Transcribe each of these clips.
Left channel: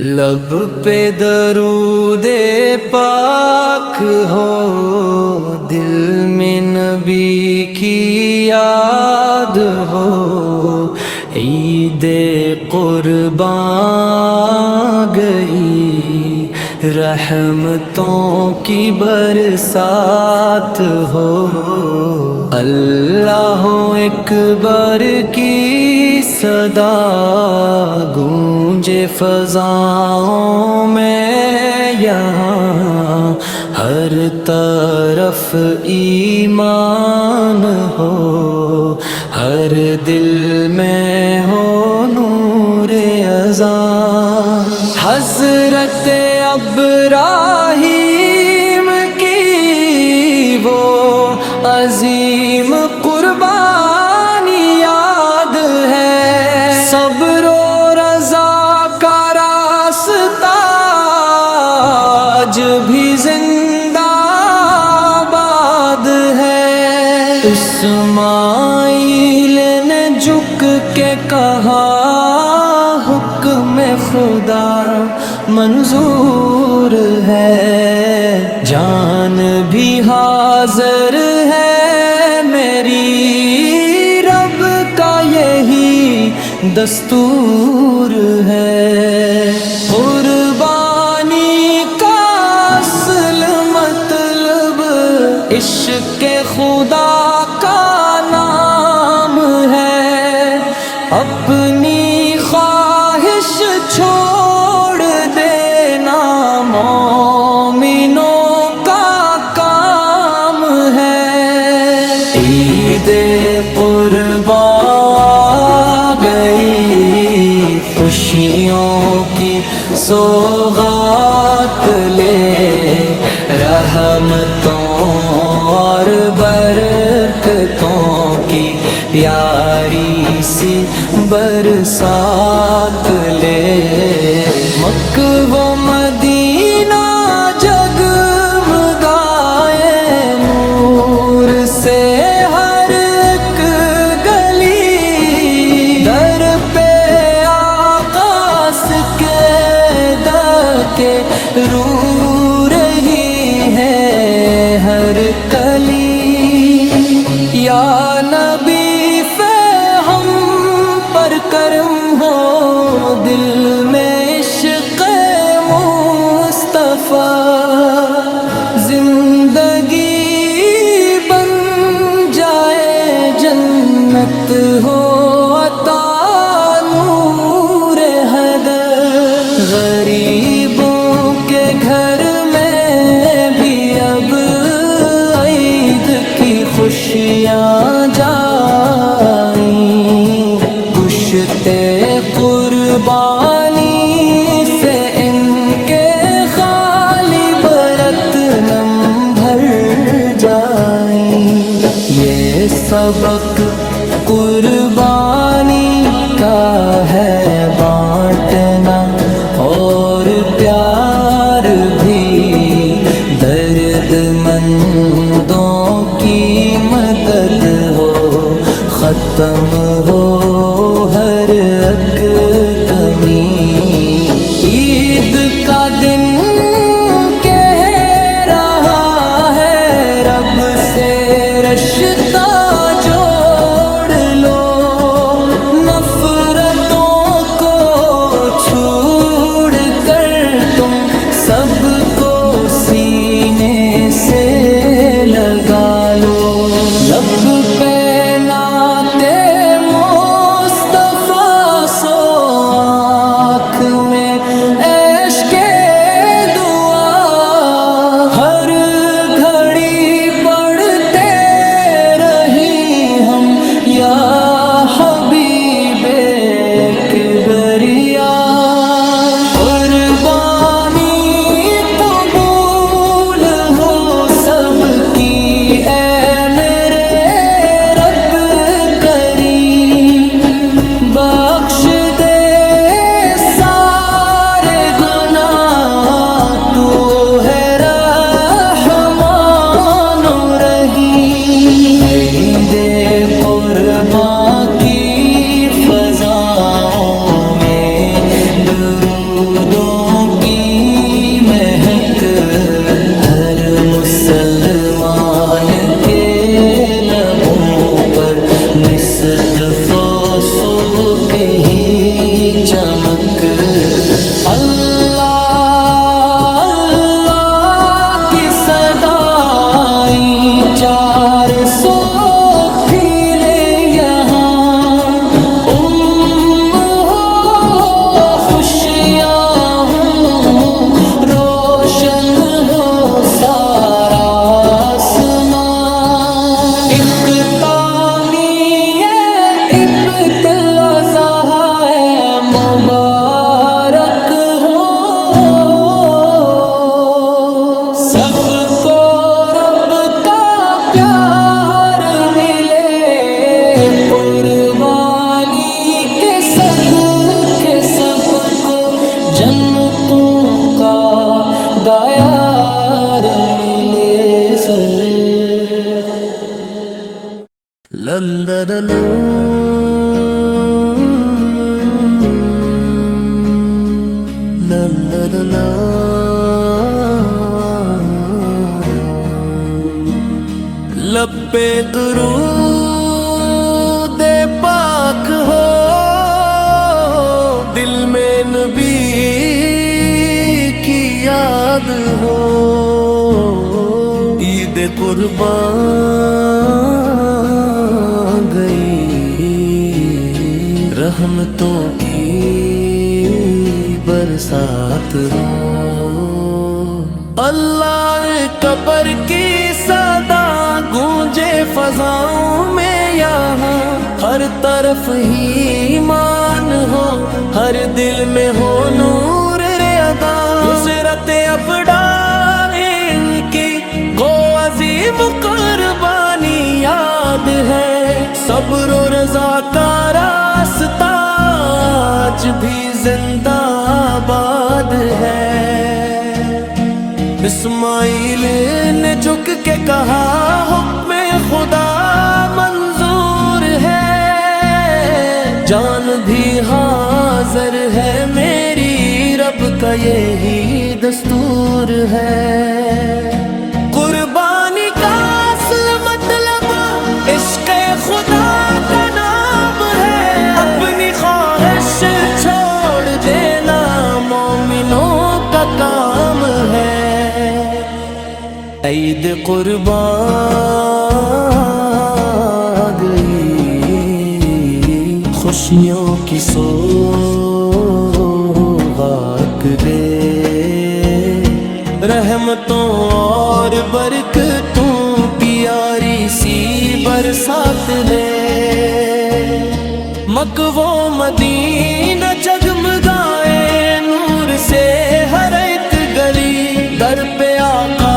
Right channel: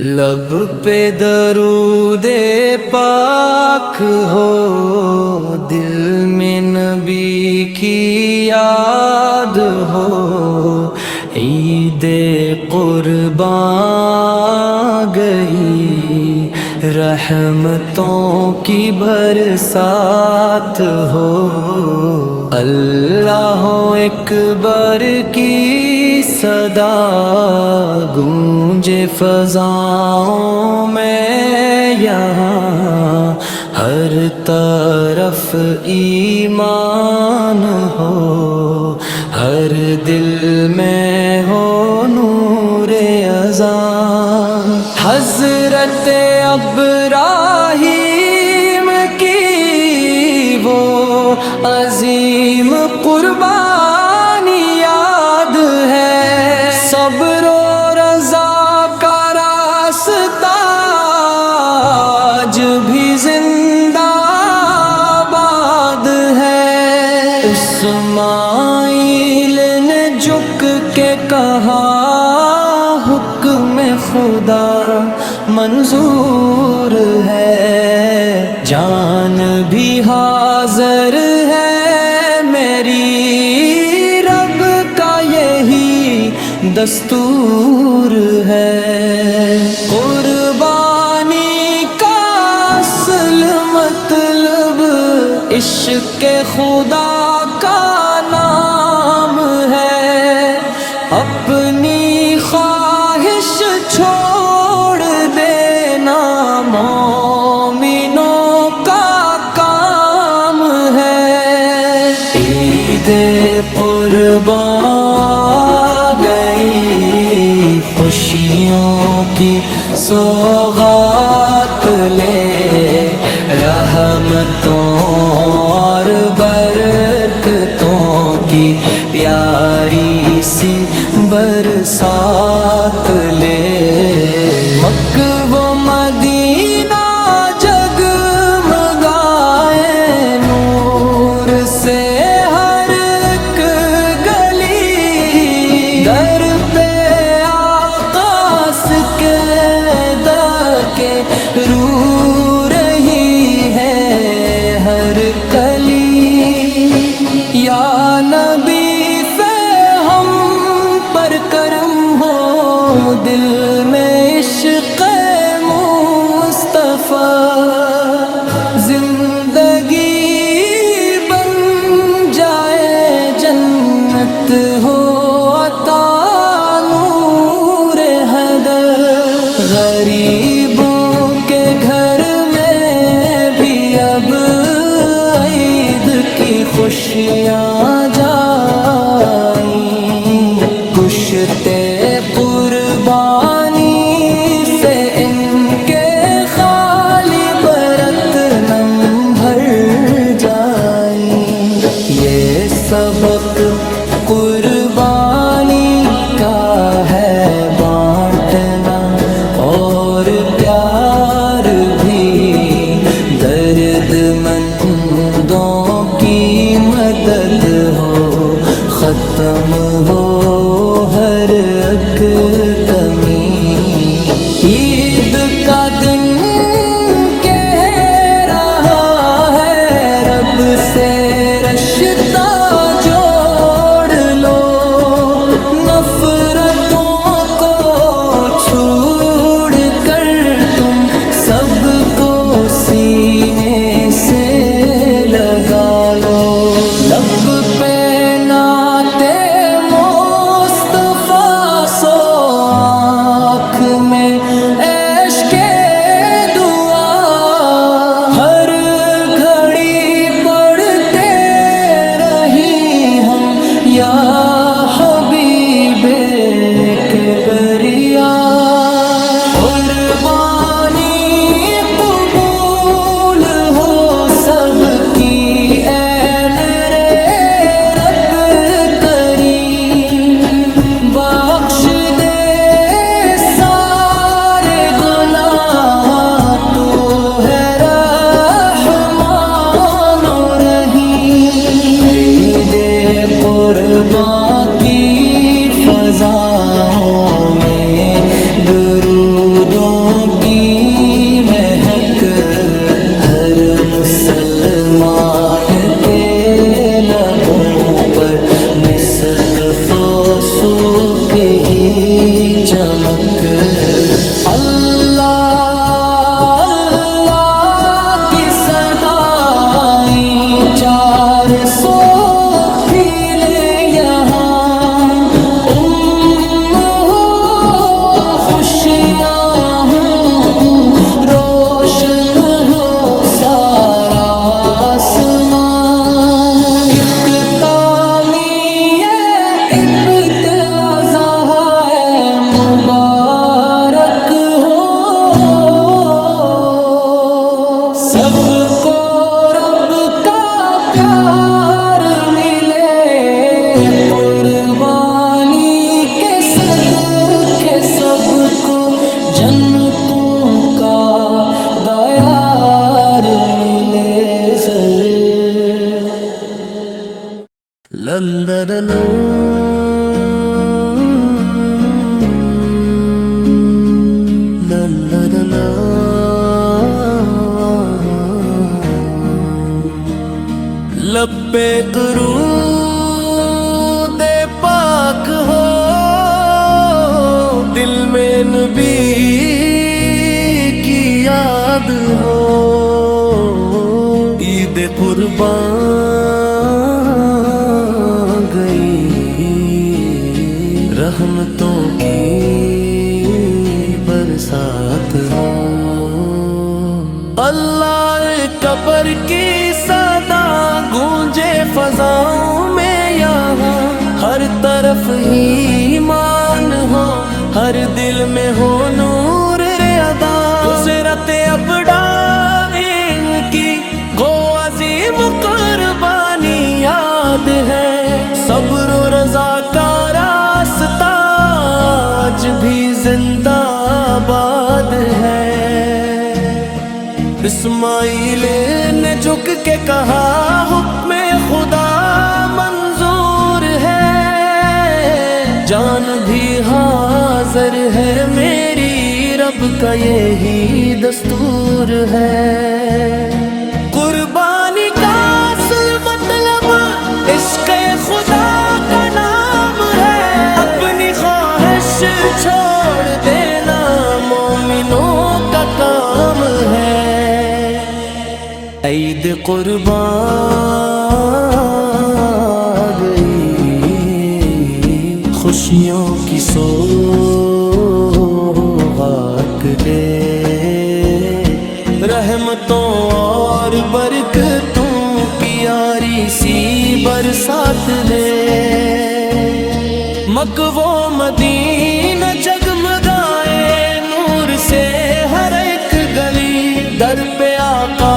لب پہ درود پاک ہو، دل میں نبی کی یاد ہو، عید قربان گئی، رحمتوں کی برسات ہو، اللہ اکبر کی صدا گونجے فضاؤں میں، یہاں ہر طرف ایمان ہو، ہر دل میں ہو نور اذان۔ حضرت ابراہیم کی وہ عظیم قربانی یاد ہے، صبر و رضا کا راستہ آج بھی زندہ آباد ہے۔ اسماعیل نے جھک کے کہا حکم خدا منظور ہے، جان بھی حاضر ہے، میری رب کا یہی دستور ہے۔ قربانی کا اصل مطلب عشق خدا کا نام ہے، اپنی خواہش چھوڑ دینا مومنوں کا کام ہے۔ عید قربان گئی، خوشیوں کی سوغات لے، رحمتوں اور برکتوں کی پیاری سی برسات لے۔ مکہ و مدینہ جگمگائے نور سے، ہر ایک گلی در پہ آقا سجدہ کے رو رہی ہے ہر کلی۔ یا نبی فے ہم پر کرم ہو، دل میں عشق مصطفیٰ، زندگی بن جائے جنت ہو عطا نور حیدر۔ غریبوں کے گھر میں بھی اب عید کی خوشیاں جائیں، گشتے قربانی سے ان کے خالی برتنم بھر جائیں۔ یہ سبق قربانی کا ہے بانٹنا، اور پیار بھی درد مندوں کی مدد ہو، ختم ہو ہر ایک کمی۔ عید کا دن کہہ رہا ہے رب سے رشتہ جوڑ لو، نفرتوں کو چھوڑ کر تم سب کو سینے سے لگا لو۔ لب پہ نعت مصطفیٰ سو، آنکھ میں اشک دعا، ہر گھڑی پڑھتے رہی ہم یا حبیب کبریا۔ قربانی قبول ہو سب کی اے میرے رب کریم، بخش دے سارے گناہ، تو ہے رحمان و رحیم۔ عید قربان کی فضاؤں میں درودوں کی مہک ہر مسلمان کے لبوں پر مصدف و صوفی چمک اللہ اللہ کی صدائیں 400 پھیلے یہاں خوشیاں ہوں روشن ہو سارا آسمان ایک تعمیہ ابتلاء ہے مبارک ہو سب کو رب کا پیار ملے قربانی کے صدقے سب کو جنتوں کا دیار ملے لب پہ درود پاک ہو دل میں نبی کی یاد ہو عید قربان گئی رحمتوں کی برسات ہو اللہ قبر کی صدا گونجے فضاؤں میں یہاں ہر طرف ہی ایمان ہو ہر دل میں ہو نور ادا نصرت ابدان کی گو عظیم قربانی یاد ہے صبر و رضا کا راستہ آج بھی زندہ آباد ہے اسماعیل نے جھک کے کہا حکم خدا منظور ہے جان بھی حاضر ہے میری رب کا یہی دستور ہے قربانی کا اصل مطلب عشق خدا کا نام ہے اپنی خواہش چھوڑ دینا مومنوں کا کام ہے عید قربان گئی خوشیوں کی سوغات لے رحمتوں اور برکتوں کی یاری سی برسات لے مکہ و مدینہ جگمگائے نور سے ہر ایک گلی در پہ آقا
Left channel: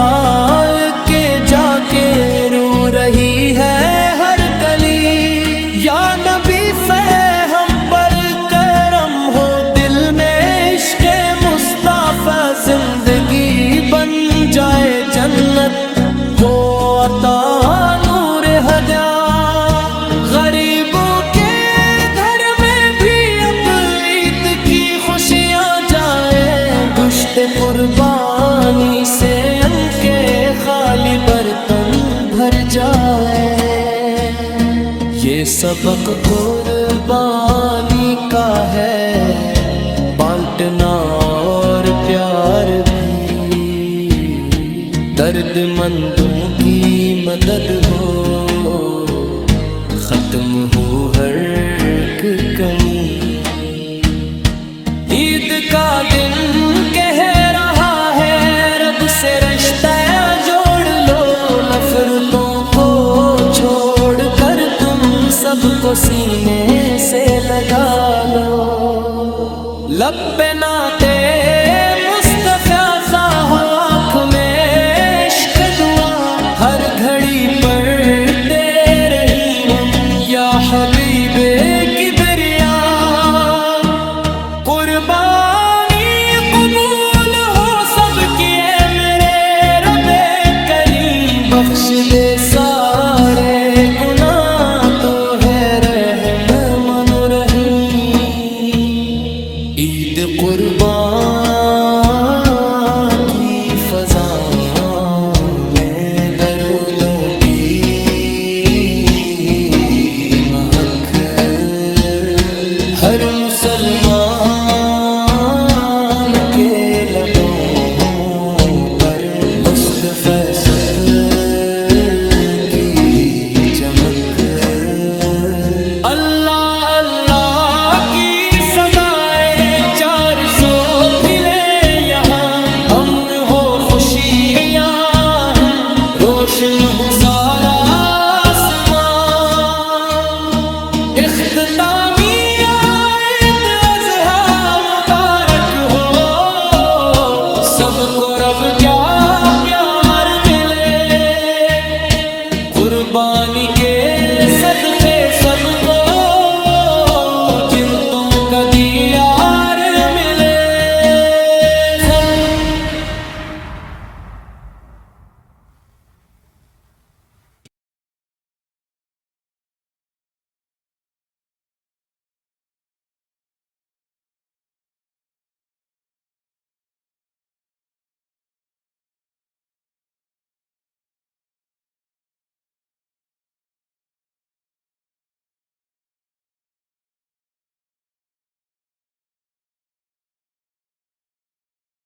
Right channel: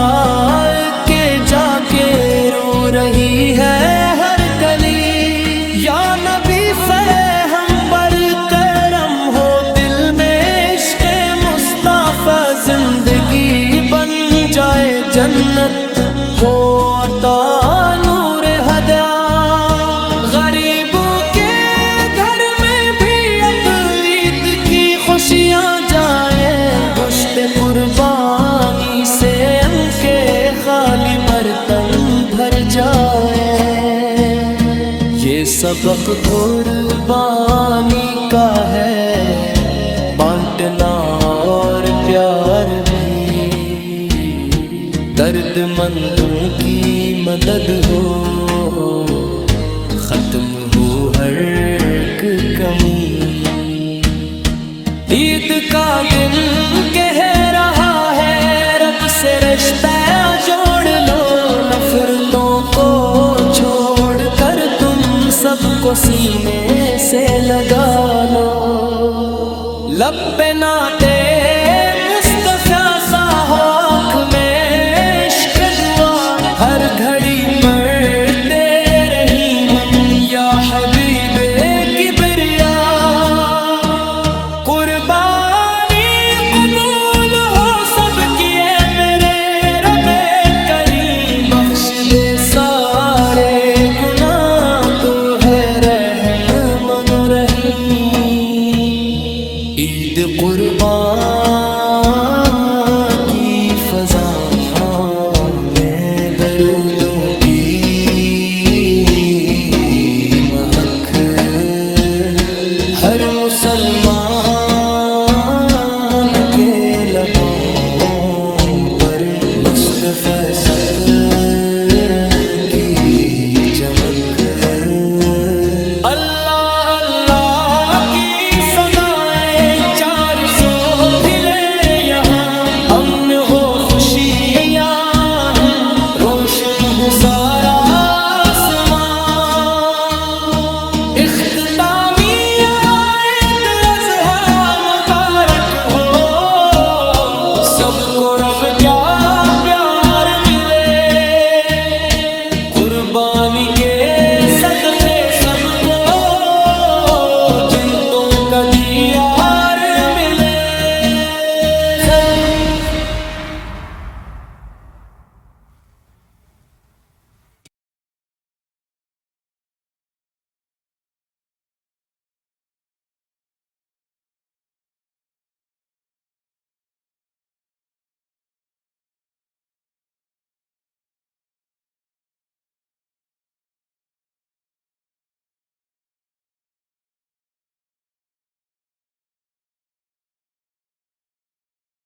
کے جا کے رو رہی ہے ہر کلی یا نبی ہم پر کرم ہو دل میں عشق مصطفیٰ زندگی بن جائے جنت ہو عطا نور ہدیٰ غریبوں کے خوشیاں جائے گشت قربانی سے ان کے خالی برتن بھر جائے یہ سبق قربانی کا ہے بانٹنا اور پیار بھی درد مندوں کی مدد ہو ختم ہو ہر ایک کمی عید کا دن کہہ رہا ہے رب سے رشتہ جوڑ لو نفرتوں کو چھوڑ کر تم سب کو سینے سے لگا لو لب پہ نعتِ مصطفیٰ سا ہو آنکھ میں عشق دعا ہر گھڑی پڑھتے رہی ہم یا حبیب کبریا قربانی قبول ہو سب کی اے میرے رب کریم بخش دے سارے گناہ تو ہے رحم من رحیم عید عید قربان کی فضا میں درودوں کی مہک ہر مسلمان کے لبوں پر مصطفیٰ سب کی بھی چمک اللہ اللہ کی صدائیں 400 بھلے یہاں امن ہو خوشیاں روشن ہو سارا آسمان اختتامی عید اضحیٰ مبارک ہو سب کو رب کیا پیار ملے قربانی کے صدقے سب کو جنتوں کا دیار ملے